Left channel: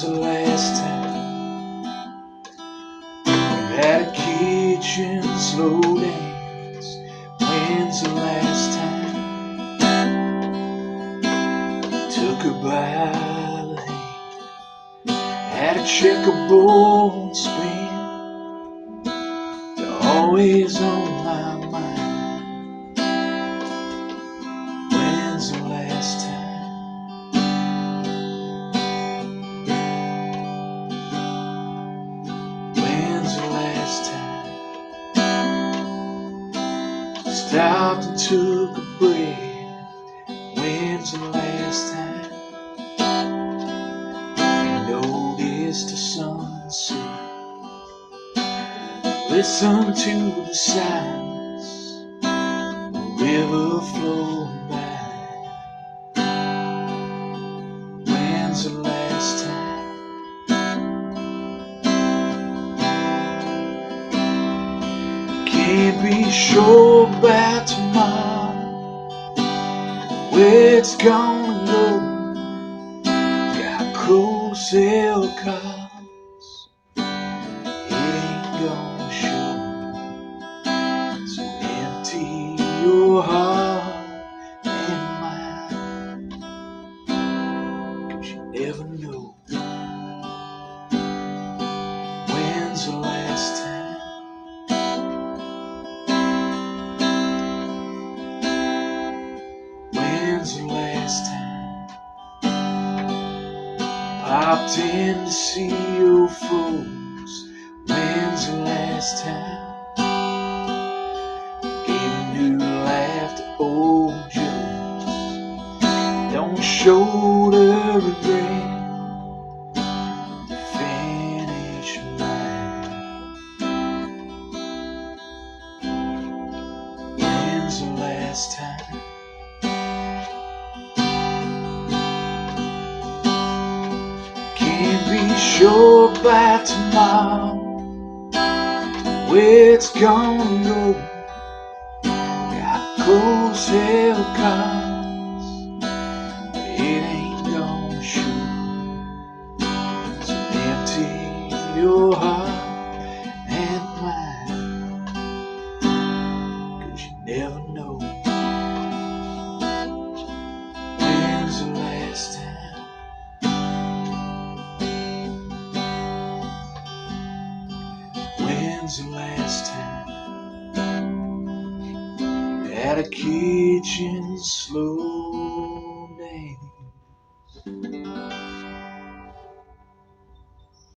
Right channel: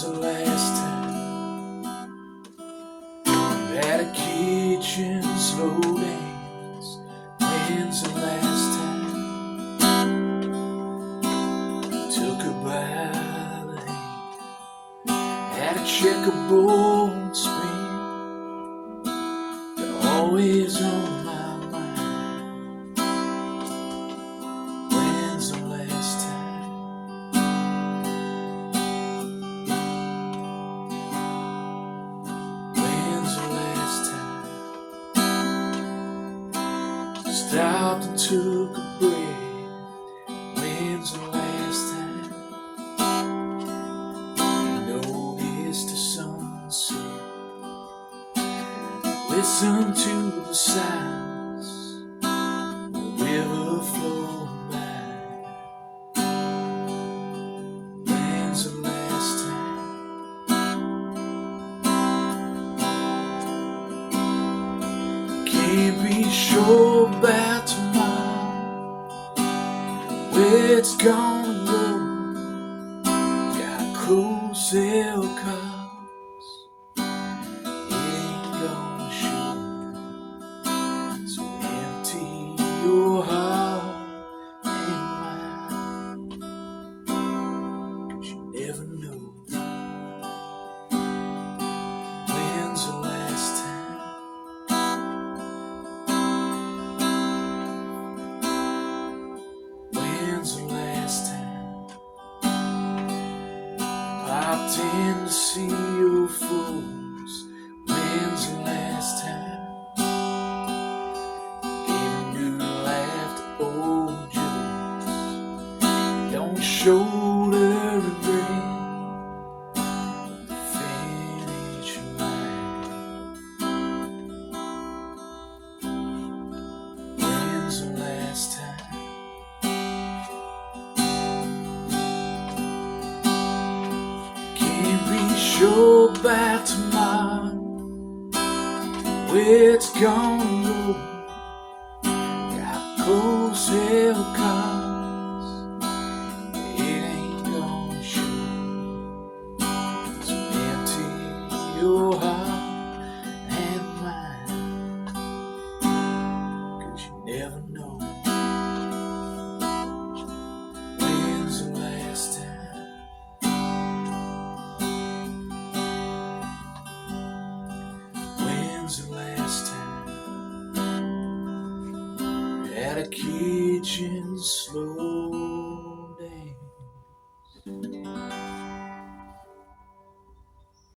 When's the last time you had a kitchen slow dance? When's the last time you took her by the hand, had a checkerboard spin? You're always on my mind. When's the last time? Stopped and took a breath. When's the last time you noticed the sunset? Listen to the silence, the river flowing by. When's the last time? Can't be sure about tomorrow, where it's gonna go. Got close held cards, it ain't gonna show. So empty your heart and mind, 'cause you never know. When's the last time? When's the last time popped in to see your folks? When's the last time gave a new laugh to old jokes? Don't shoulder regret the finish line. When's the last time? Sure about tomorrow, where it's gonna go. Got close held cards, it ain't gonna show. So empty your heart and mind, 'cause you never know. When's the last time? When's the last time you had a kitchen slow